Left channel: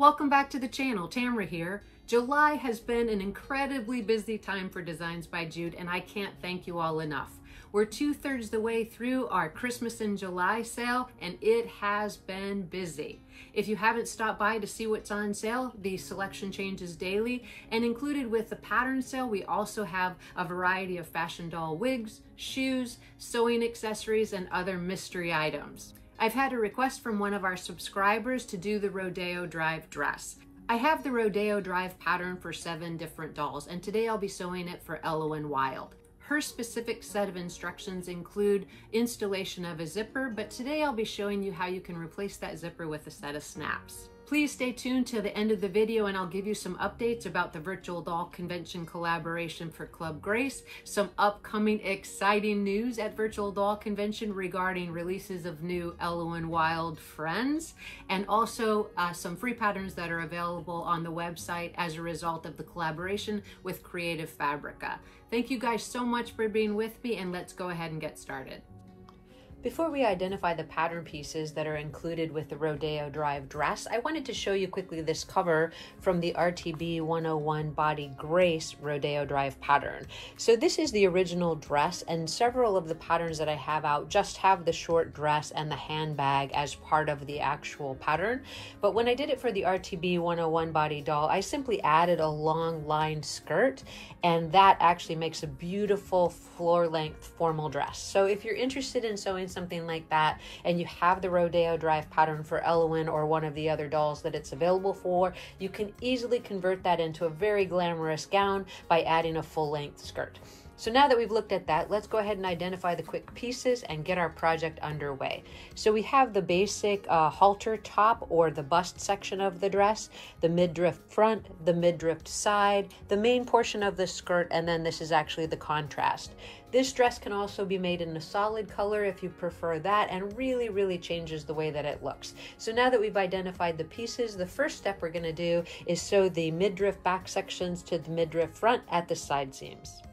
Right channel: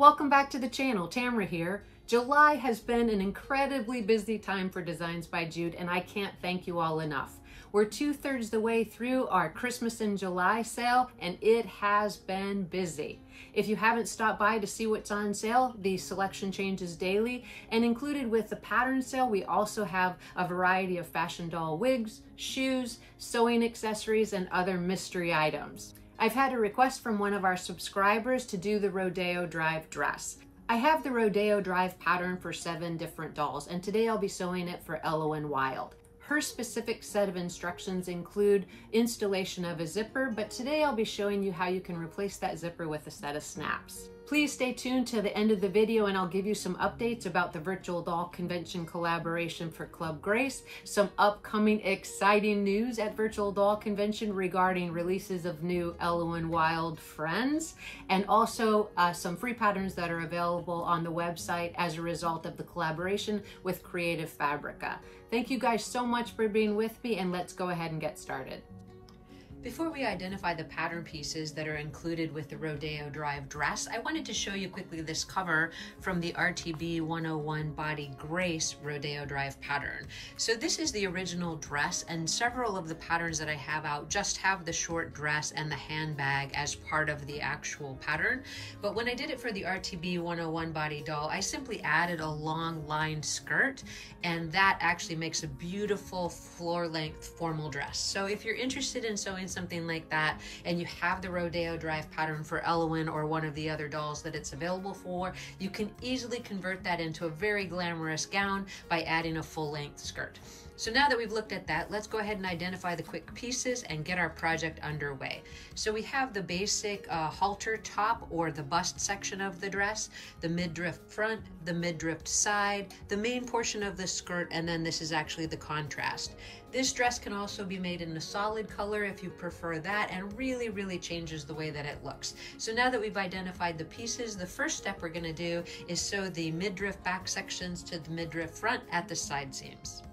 Welcome back to the channel, Tamara here. July has been an incredibly busy time for Designs by Jude, and I can't thank you all enough. We're 2/3 the way through our Christmas in July sale, and it has been busy. If you haven't stopped by to see what's on sale, the selection changes daily, and included with the pattern sale, we also have a variety of fashion doll wigs, shoes, sewing accessories, and other mystery items. I've had a request from one of our subscribers to do the Rodeo Drive dress. I have the Rodeo Drive pattern for 7 different dolls, and today I'll be sewing it for Ellowyne Wilde. Her specific set of instructions include installation of a zipper, but today I'll be showing you how you can replace that zipper with a set of snaps. Please stay tuned to the end of the video and I'll give you some updates about the Virtual Doll Convention collaboration for Club Grace, some upcoming exciting news at Virtual Doll Convention regarding releases of new Ellowyne Wilde friends, and also some free patterns that are available on the website as a result of the collaboration with Creative Fabrica. Thank you guys so much for being with me, and let's go ahead and get started. Before we identify the pattern pieces that are included with the Rodeo Drive dress, I wanted to show you quickly this cover from the RTB 101 Body Grace Rodeo Drive pattern. So this is the original dress, and several of the patterns that I have out just have the short dress and the handbag as part of the actual pattern. But when I did it for the RTB 101 Body doll, I simply added a long lined skirt, and that actually makes a beautiful floor-length formal dress. So if you're interested in sewing something like that and you have the Rodeo Drive pattern for Ellowyne or one of the other dolls that it's available for, you can easily convert that into a very glamorous gown by adding a full-length skirt. So now that we've looked at that, let's go ahead and identify the quick pieces and get our project underway. So we have the basic halter top, or the bust section of the dress, the midriff front, the midriff side, the main portion of the skirt, and then this is actually the contrast. This dress can also be made in a solid color if you prefer that, and really changes the way that it looks. So now that we've identified the pieces, the first step we're going to do is sew the midriff back sections to the midriff front at the side seams.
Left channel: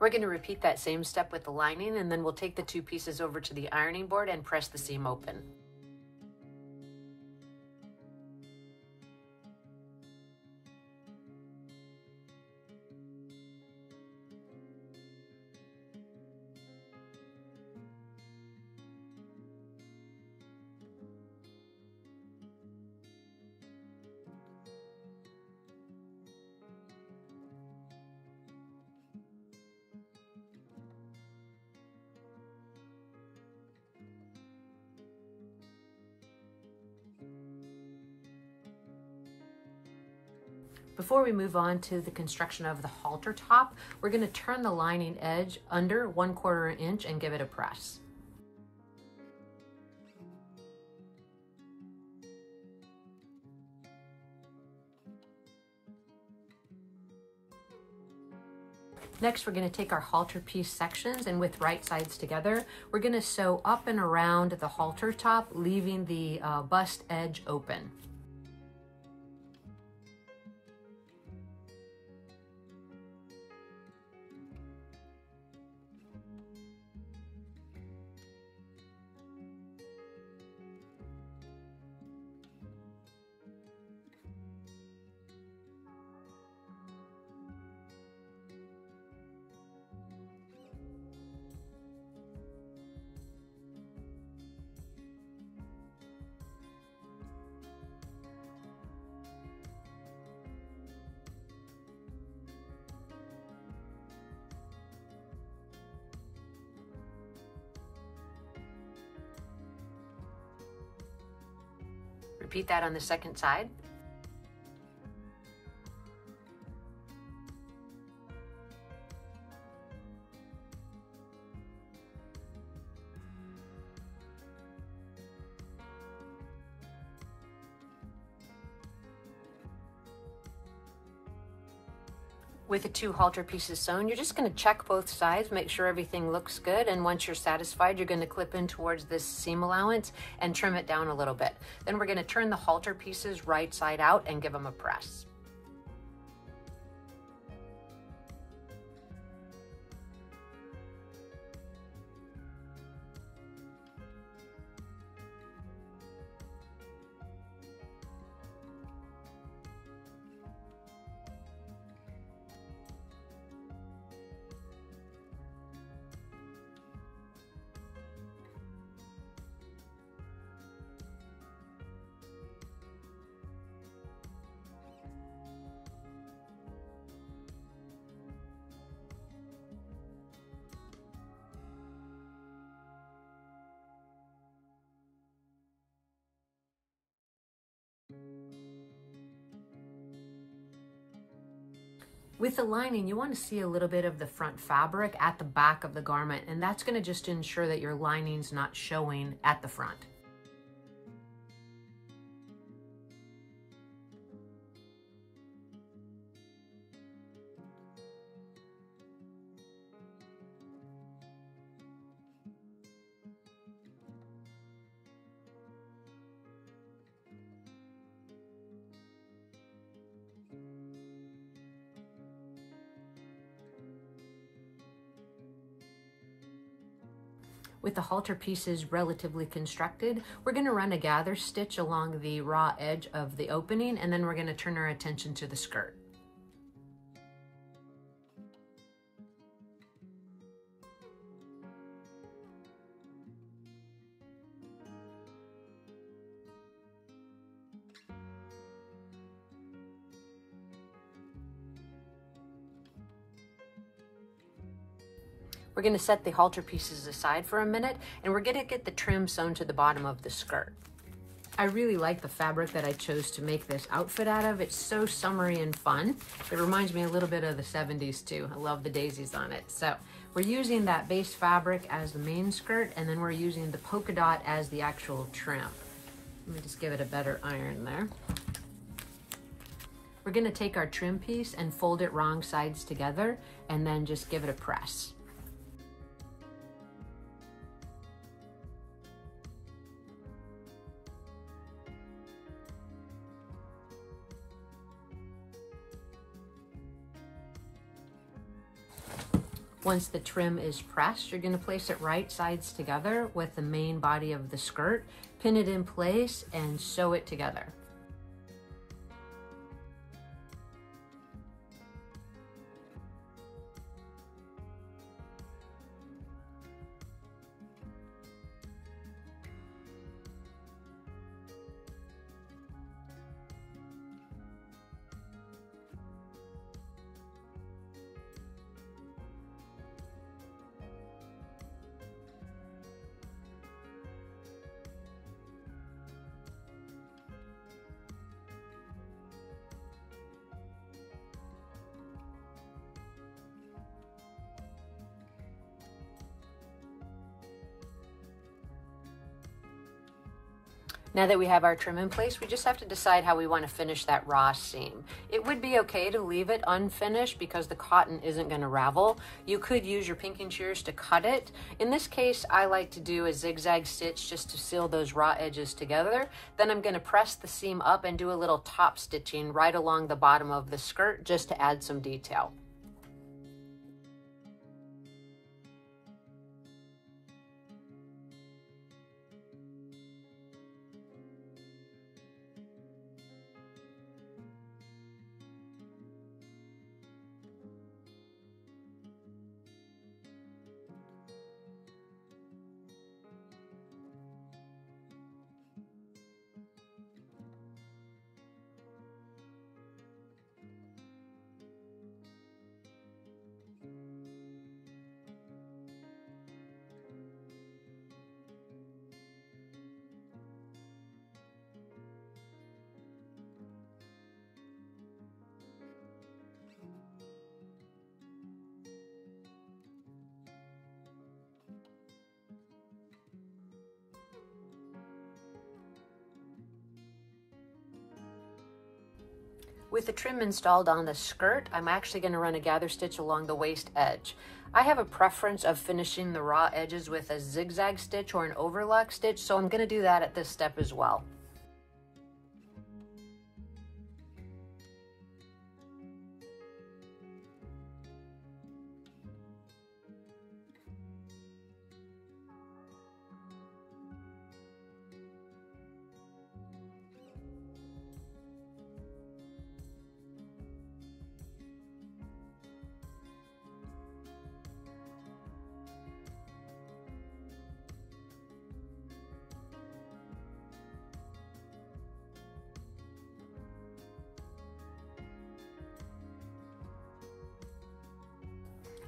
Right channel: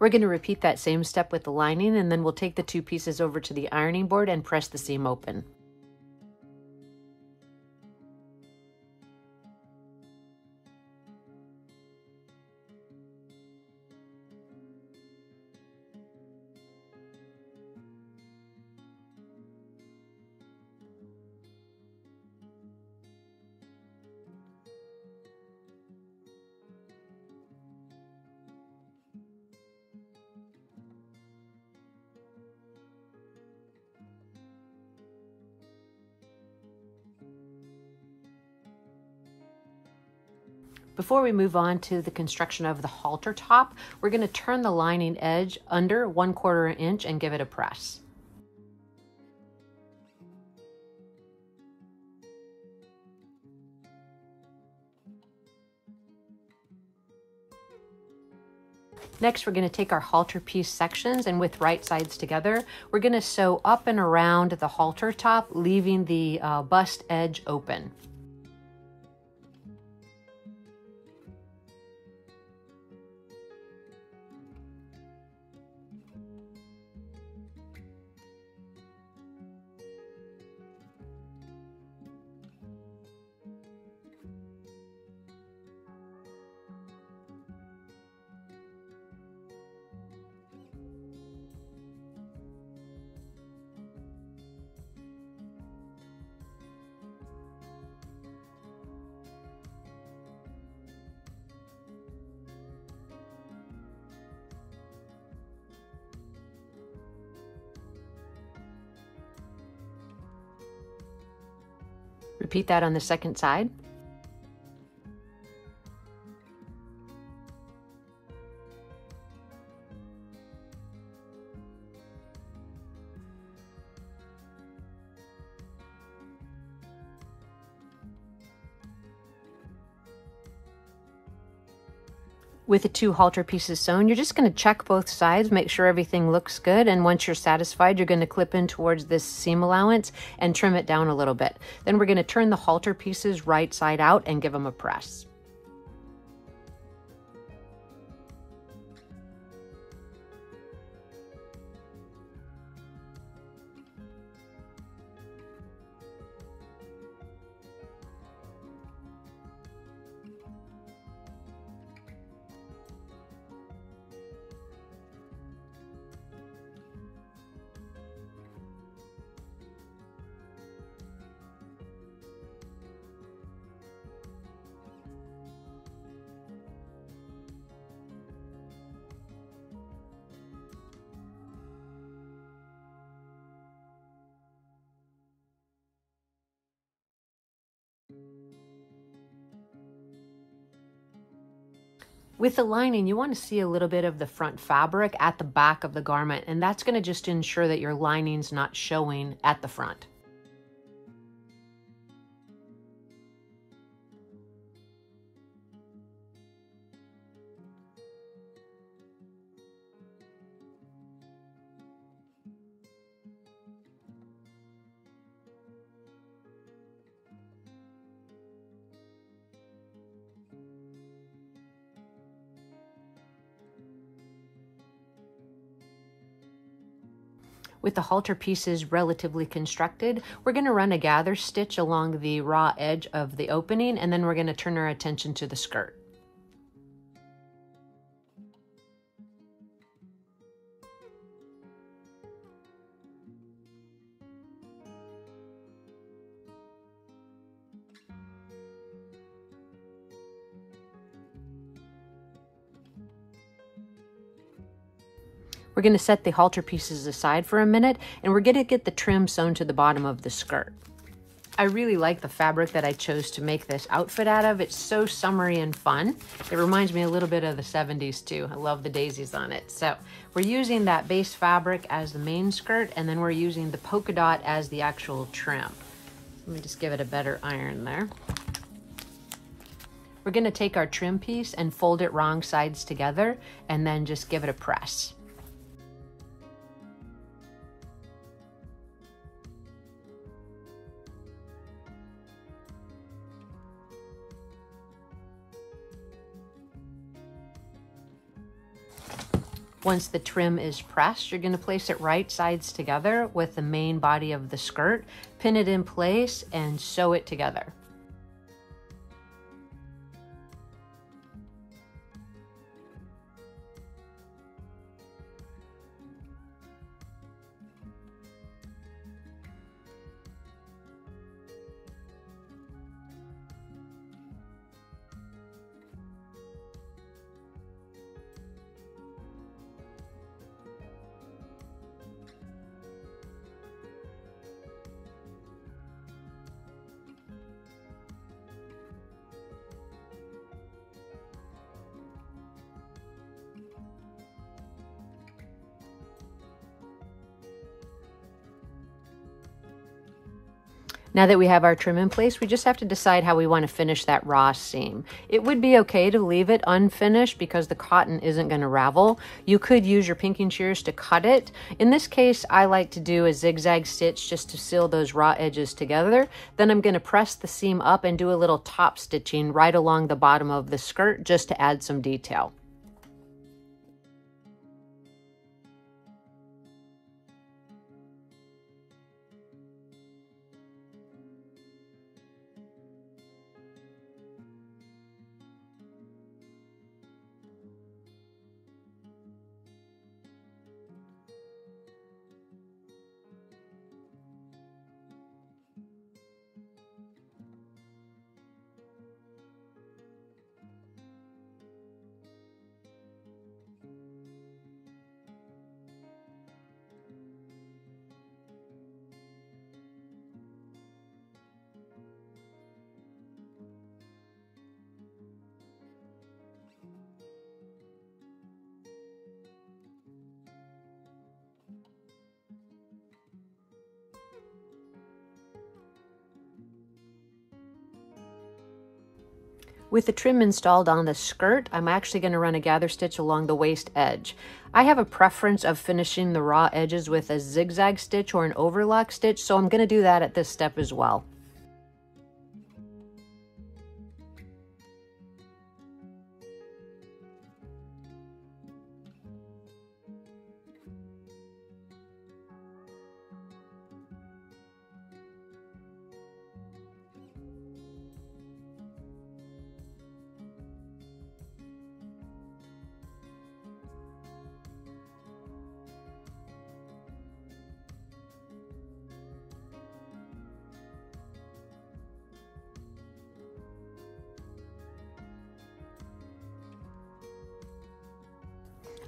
We're going to repeat that same step with the lining, and then we'll take the 2 pieces over to the ironing board and press the seam open. Before we move on to the construction of the halter top, we're going to turn the lining edge under 1/4 inch and give it a press. Next, we're going to take our halter piece sections, and with right sides together, we're going to sew up and around the halter top, leaving the bust edge open. Repeat that on the second side. With the 2 halter pieces sewn, you're just going to check both sides, make sure everything looks good, and once you're satisfied, you're going to clip in towards this seam allowance and trim it down a little bit. Then we're going to turn the halter pieces right side out and give them a press. With the lining, you want to see a little bit of the front fabric at the back of the garment, and that's going to just ensure that your lining's not showing at the front. With the halter pieces relatively constructed, we're going to run a gather stitch along the raw edge of the opening, and then we're going to turn our attention to the skirt. We're going to set the halter pieces aside for a minute, and we're going to get the trim sewn to the bottom of the skirt. I really like the fabric that I chose to make this outfit out of. It's so summery and fun. It reminds me a little bit of the 70s too. I love the daisies on it. So we're using that base fabric as the main skirt, and then we're using the polka dot as the actual trim. Let me just give it a better iron there. We're going to take our trim piece and fold it wrong sides together, and then just give it a press. Once the trim is pressed, you're going to place it right sides together with the main body of the skirt, pin it in place, and sew it together. Now that we have our trim in place, we just have to decide how we want to finish that raw seam. It would be okay to leave it unfinished because the cotton isn't going to ravel. You could use your pinking shears to cut it. In this case, I like to do a zigzag stitch just to seal those raw edges together. Then I'm going to press the seam up and do a little top stitching right along the bottom of the skirt just to add some detail. With the trim installed on the skirt, I'm actually going to run a gather stitch along the waist edge. I have a preference of finishing the raw edges with a zigzag stitch or an overlock stitch, so I'm going to do that at this step as well.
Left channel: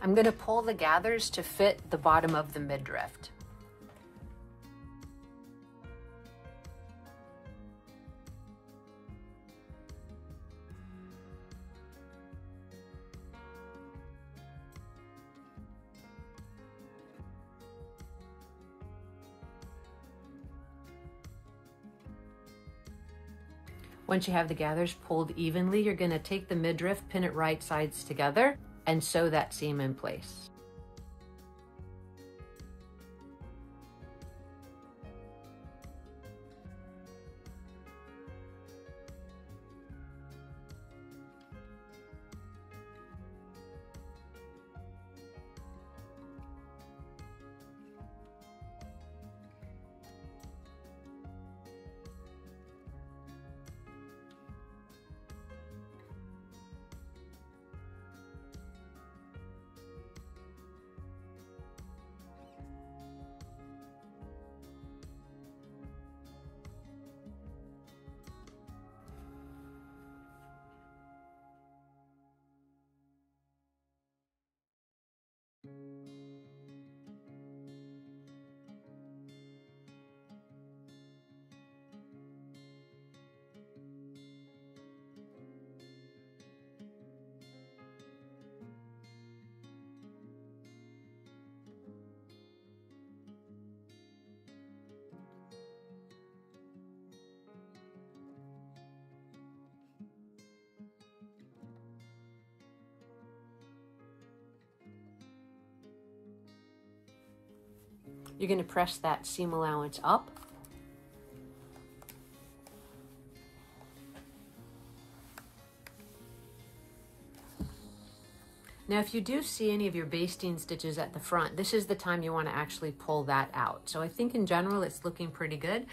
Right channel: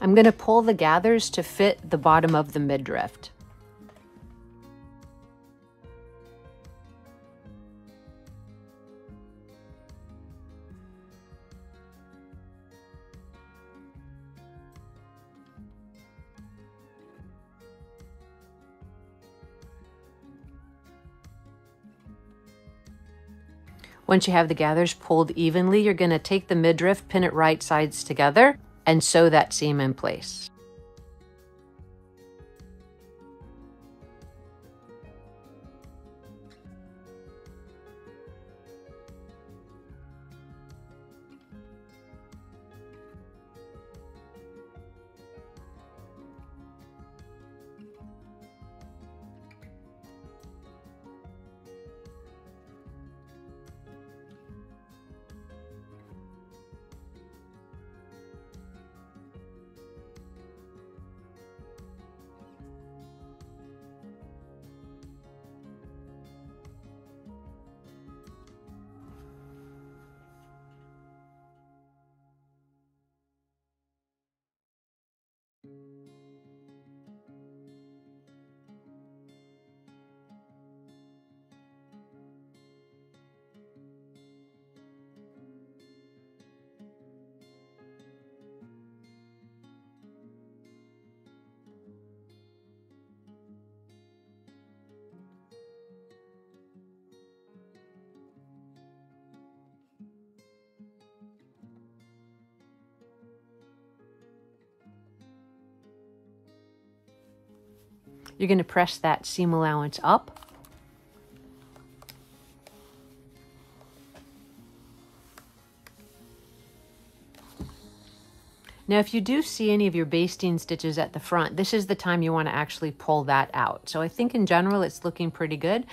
I'm going to pull the gathers to fit the bottom of the midriff. Once you have the gathers pulled evenly, you're going to take the midriff, pin it right sides together, and sew that seam in place. You're going to press that seam allowance up. Now, if you do see any of your basting stitches at the front, this is the time you want to actually pull that out. So I think in general, it's looking pretty good.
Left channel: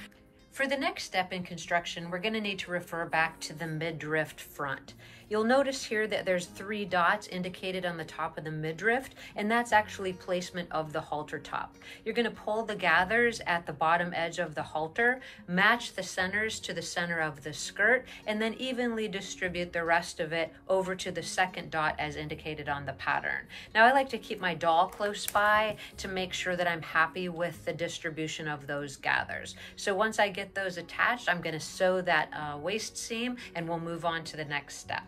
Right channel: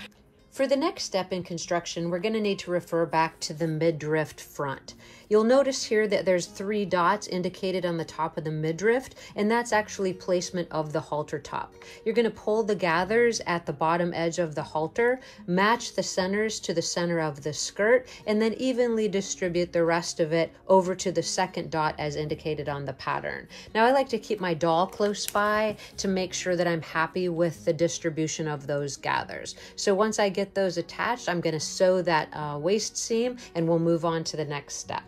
For the next step in construction, we're going to need to refer back to the midriff front. You'll notice here that there's 3 dots indicated on the top of the midriff, and that's actually placement of the halter top. You're going to pull the gathers at the bottom edge of the halter, match the centers to the center of the skirt, and then evenly distribute the rest of it over to the second dot as indicated on the pattern. Now, I like to keep my doll close by to make sure that I'm happy with the distribution of those gathers. So once I get those attached, I'm going to sew that waist seam, and we'll move on to the next step.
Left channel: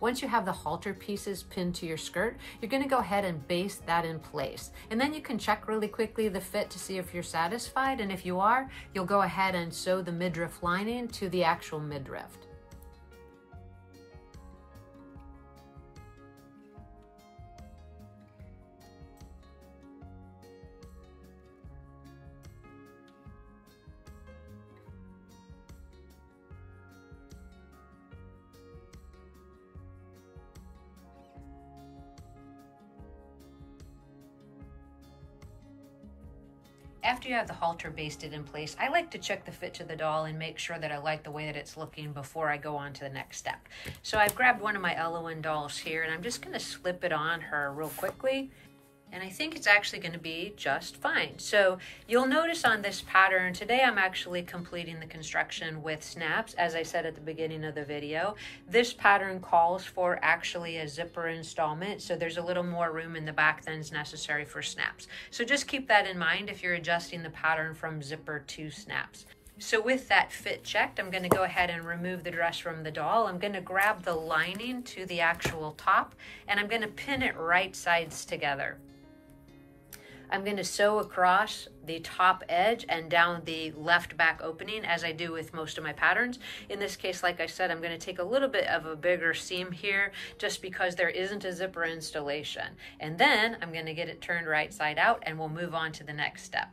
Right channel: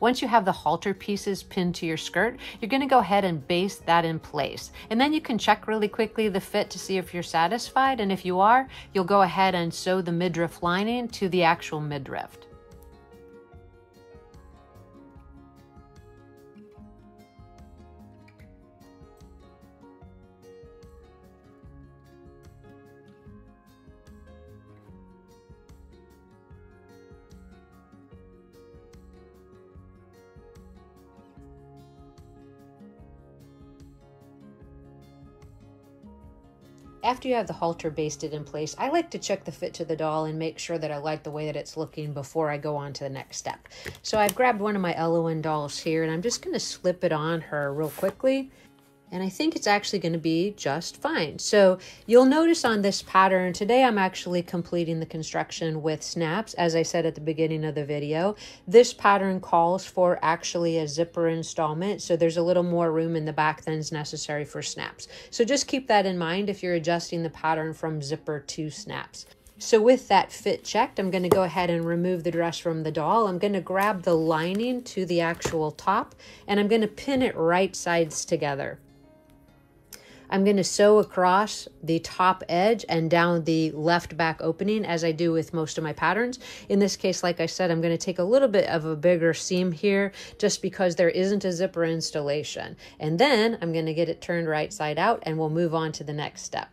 Once you have the halter pieces pinned to your skirt, you're going to go ahead and baste that in place. And then you can check really quickly the fit to see if you're satisfied. And if you are, you'll go ahead and sew the midriff lining to the actual midriff. After you have the halter basted in place, I like to check the fit to the doll and make sure that I like the way that it's looking before I go on to the next step. So I've grabbed one of my Ellowyne dolls here, and I'm just going to slip it on her real quickly. And I think it's actually going to be just fine. So you'll notice on this pattern, today I'm actually completing the construction with snaps, as I said at the beginning of the video. This pattern calls for actually a zipper installment, so there's a little more room in the back than is necessary for snaps. So just keep that in mind if you're adjusting the pattern from zipper to snaps. So with that fit checked, I'm going to go ahead and remove the dress from the doll. I'm going to grab the lining to the actual top, and I'm going to pin it right sides together. I'm going to sew across the top edge and down the left back opening as I do with most of my patterns. In this case, like I said, I'm going to take a little bit of a bigger seam here just because there isn't a zipper installation. And then I'm going to get it turned right side out and we'll move on to the next step.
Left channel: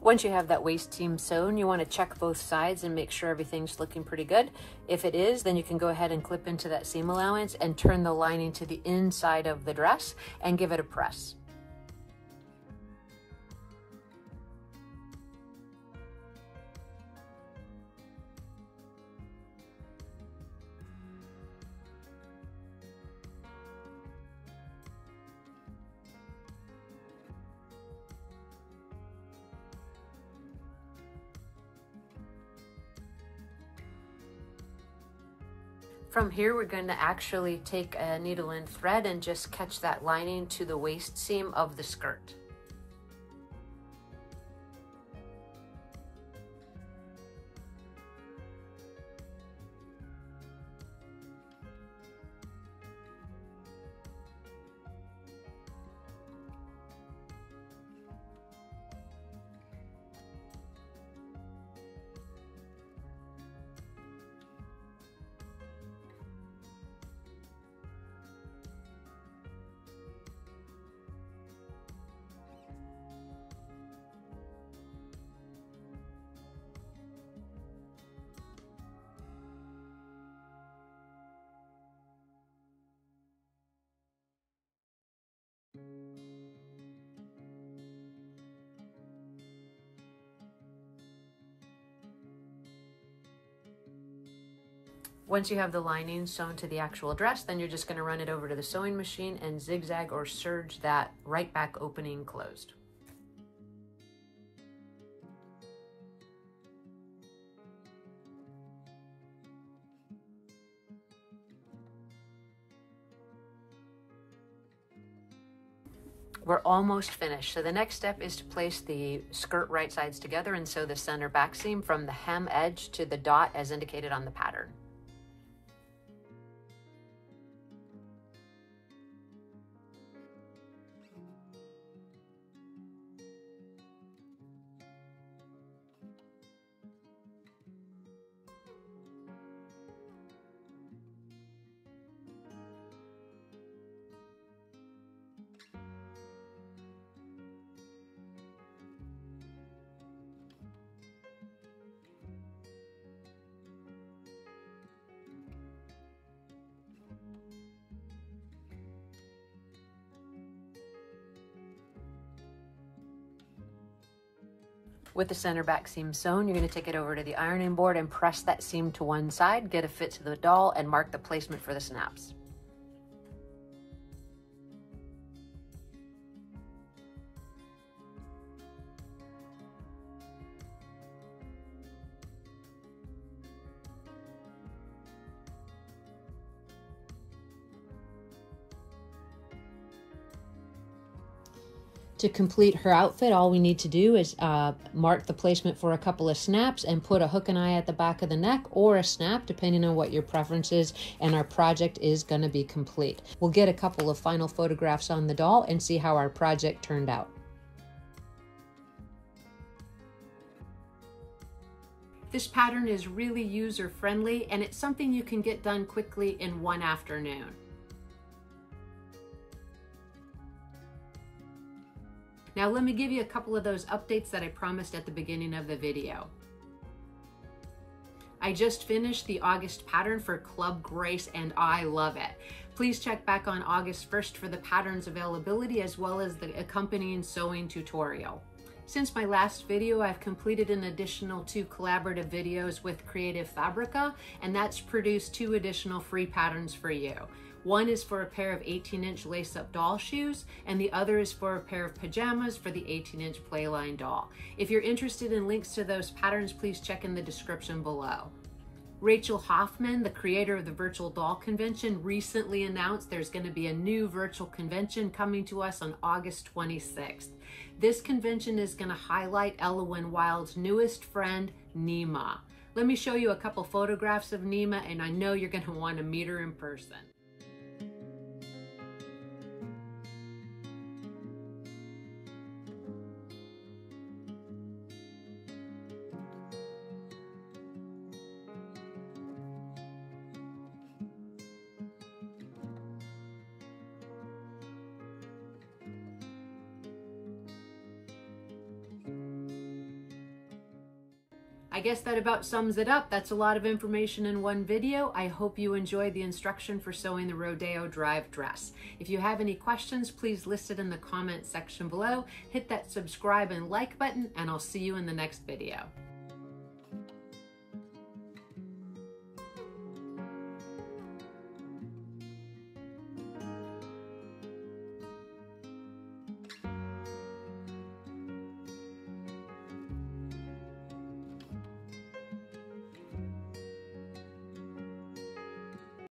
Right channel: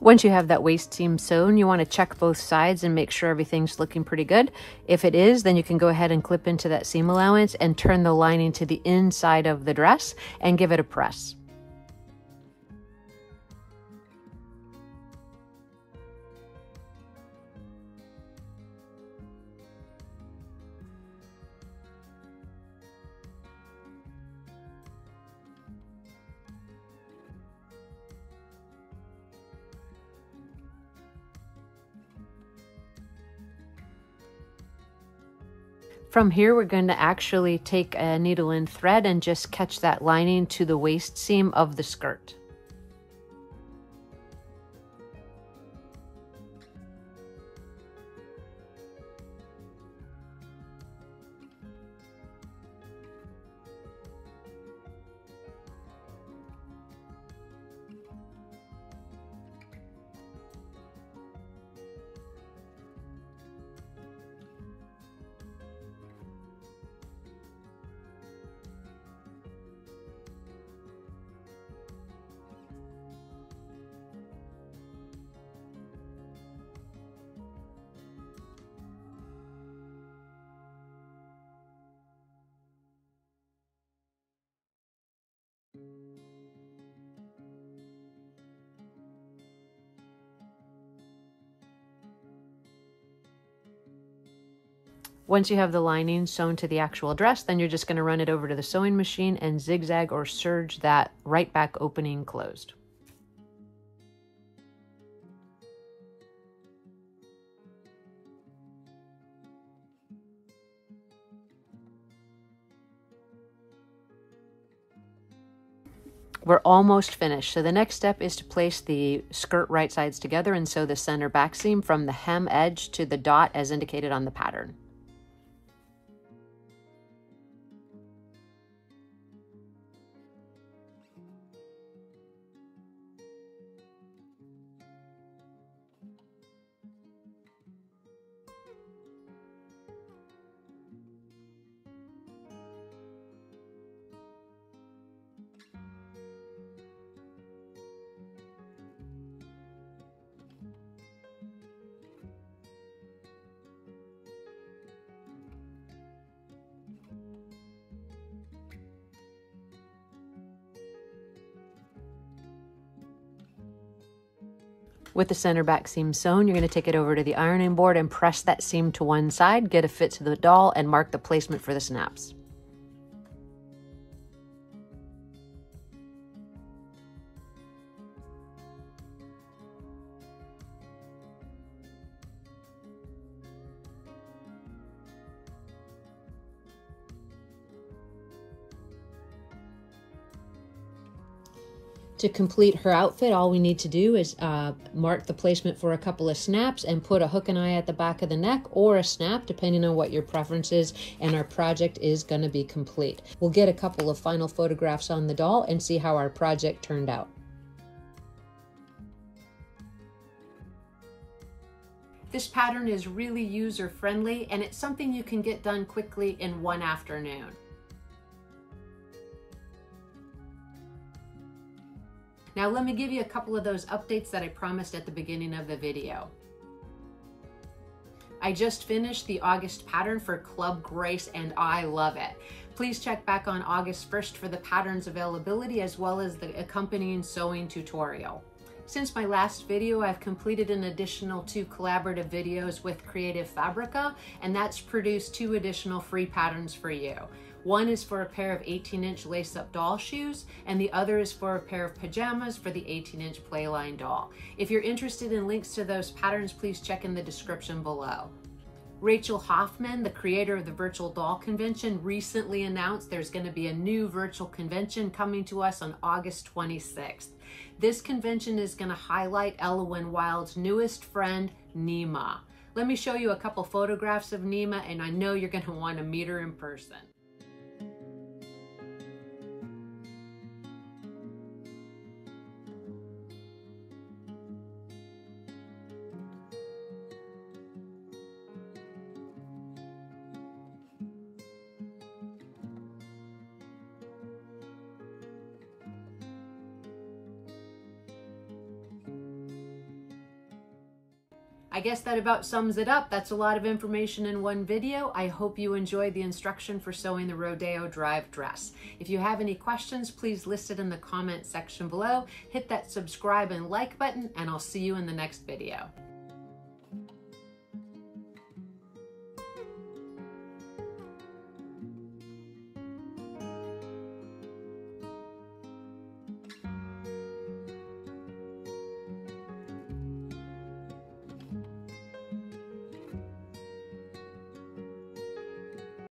Once you have that waist seam sewn, you want to check both sides and make sure everything's looking pretty good. If it is, then you can go ahead and clip into that seam allowance and turn the lining to the inside of the dress and give it a press. From here, we're going to actually take a needle and thread and just catch that lining to the waist seam of the skirt. Once you have the lining sewn to the actual dress, then you're just going to run it over to the sewing machine and zigzag or serge that right back opening closed. We're almost finished. So the next step is to place the skirt right sides together and sew the center back seam from the hem edge to the dot as indicated on the pattern. With the center back seam sewn, you're going to take it over to the ironing board and press that seam to one side, get a fit to the doll, and mark the placement for the snaps. To complete her outfit, all we need to do is mark the placement for a couple of snaps and put a hook and eye at the back of the neck or a snap, depending on what your preference is, and our project is going to be complete. We'll get a couple of final photographs on the doll and see how our project turned out. This pattern is really user-friendly, and it's something you can get done quickly in one afternoon. Now let me give you a couple of those updates that I promised at the beginning of the video. I just finished the August pattern for Club Grace and I love it. Please check back on August 1st for the pattern's availability as well as the accompanying sewing tutorial. Since my last video, I've completed an additional 2 collaborative videos with Creative Fabrica, and that's produced 2 additional free patterns for you. One is for a pair of 18-inch lace-up doll shoes, and the other is for a pair of pajamas for the 18-inch Playline doll. If you're interested in links to those patterns, please check in the description below. Rachel Hoffman, the creator of the Virtual Doll Convention, recently announced there's going to be a new virtual convention coming to us on August 26th. This convention is going to highlight Ellowyne Wilde's newest friend, Nima. Let me show you a couple photographs of Nima, and I know you're going to want to meet her in person. I guess that about sums it up. That's a lot of information in one video. I hope you enjoyed the instruction for sewing the Rodeo Drive dress. If you have any questions, please list it in the comment section below. Hit that subscribe and like button, and I'll see you in the next video.